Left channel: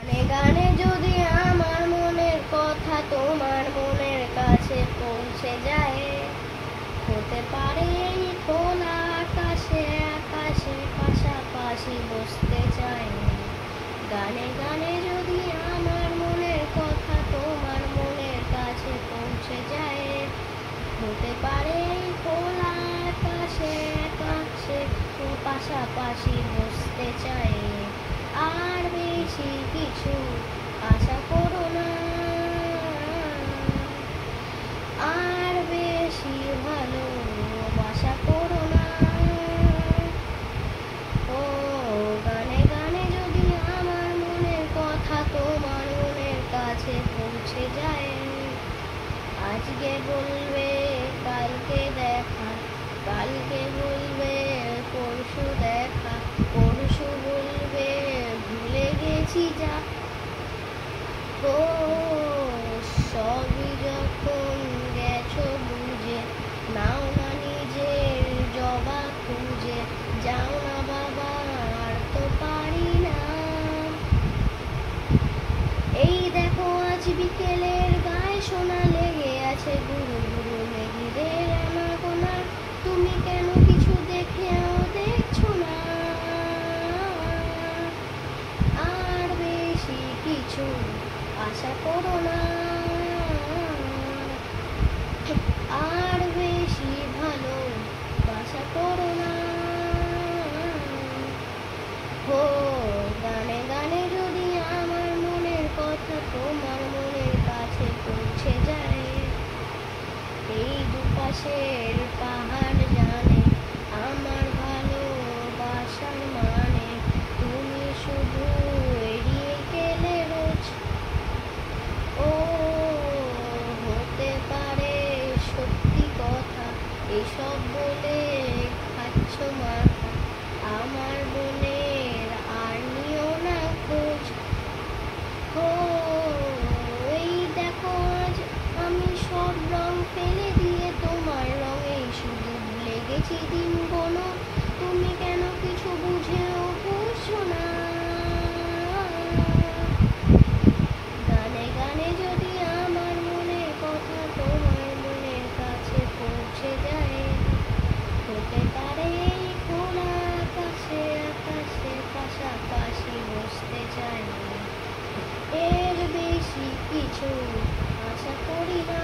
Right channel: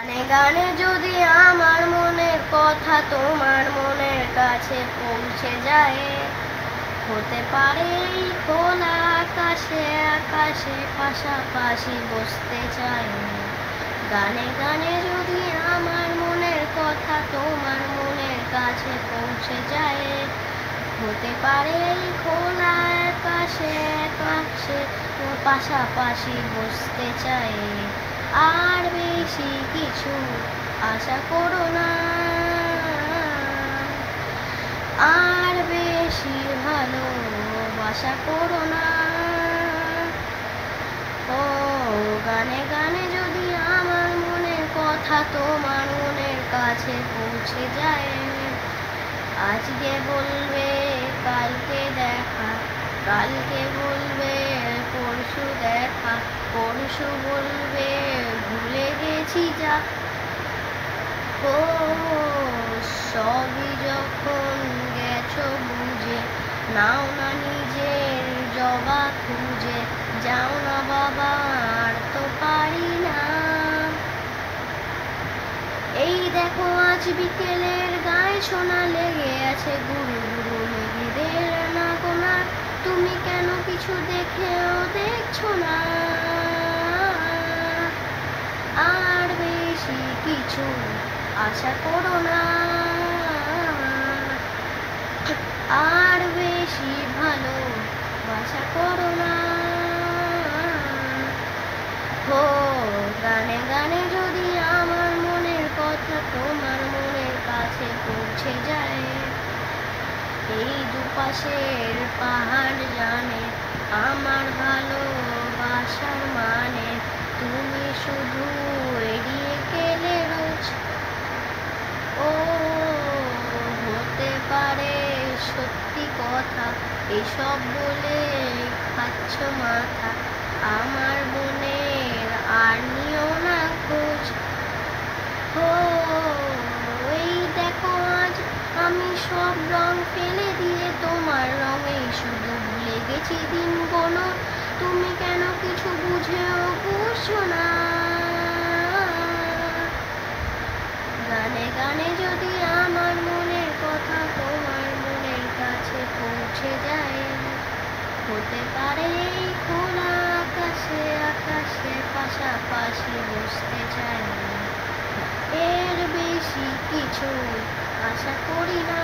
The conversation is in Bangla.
গানে গানে যদি আমার মনের কথা তোমার মনের কাছে পৌঁছে যায়, হতে পারে এই খোলা আকাশে আকাশে পাশাপাশি বসতে চাই। গানে গানে যদি আমার মনের কথা তোমার মনের কাছে পৌঁছে যায়, হতে পারে এই খোলা আকাশে আকাশে পাশাপাশি বসতে চাই। আর বেশি কিছু আশা করো না, আর বেশি ভালোবাসা করো না। ও গানে গানে যদি আমার মনের কথা তোমার মনের কাছে পৌঁছে যায়, আজকে বলবে কালকে দেখা, কালকে বলবে পরশু দেখা, পরশু বলবে ভুলে গেছি যা। ও সবই যখন গেছো বুঝে, নাও না নিজের জবাব খুঁজে, যাও না বাবা আর তো পারি না। এই দেখো আজ বিকেলের গায়ে শোনা লেগে আছে গুরু গুরু মেঘেদের না গোনা, তুমি কেন কিছু দেখেও দেখছো না। আর বেশি কিছু আশা করো না, আর বেশি ভালোবাসা করো না। হো গানে গানে যদি আমার মনের কথা তোমার মনের কাছে পৌঁছে যায়, এই দুপাশের পাহাড় জানে আমার ভালোবাসার মানে, তুমি শুধু এড়িয়ে গেলে রোজ। ও হতে পারে সত্যি কথা এসব বলে খাচ্ছ মাথা, আমার মনের আর নিও না খোঁজ। ও এই দেখো আজ আমি সব রং ফেলে দিয়ে তোমার রঙেই শুধু ভুলে গেছি দিন কোনো, তুমি কেন কিছু বুঝেও বুঝছো না। গানে গানে যদি আমার মনের কথা তোমার মনের কাছে পৌঁছে যায়, হতে পারে এই খোলা আকাশে আকাশে পাশাপাশি বসতে চাই। এর বেশি কিছু আশা করি না।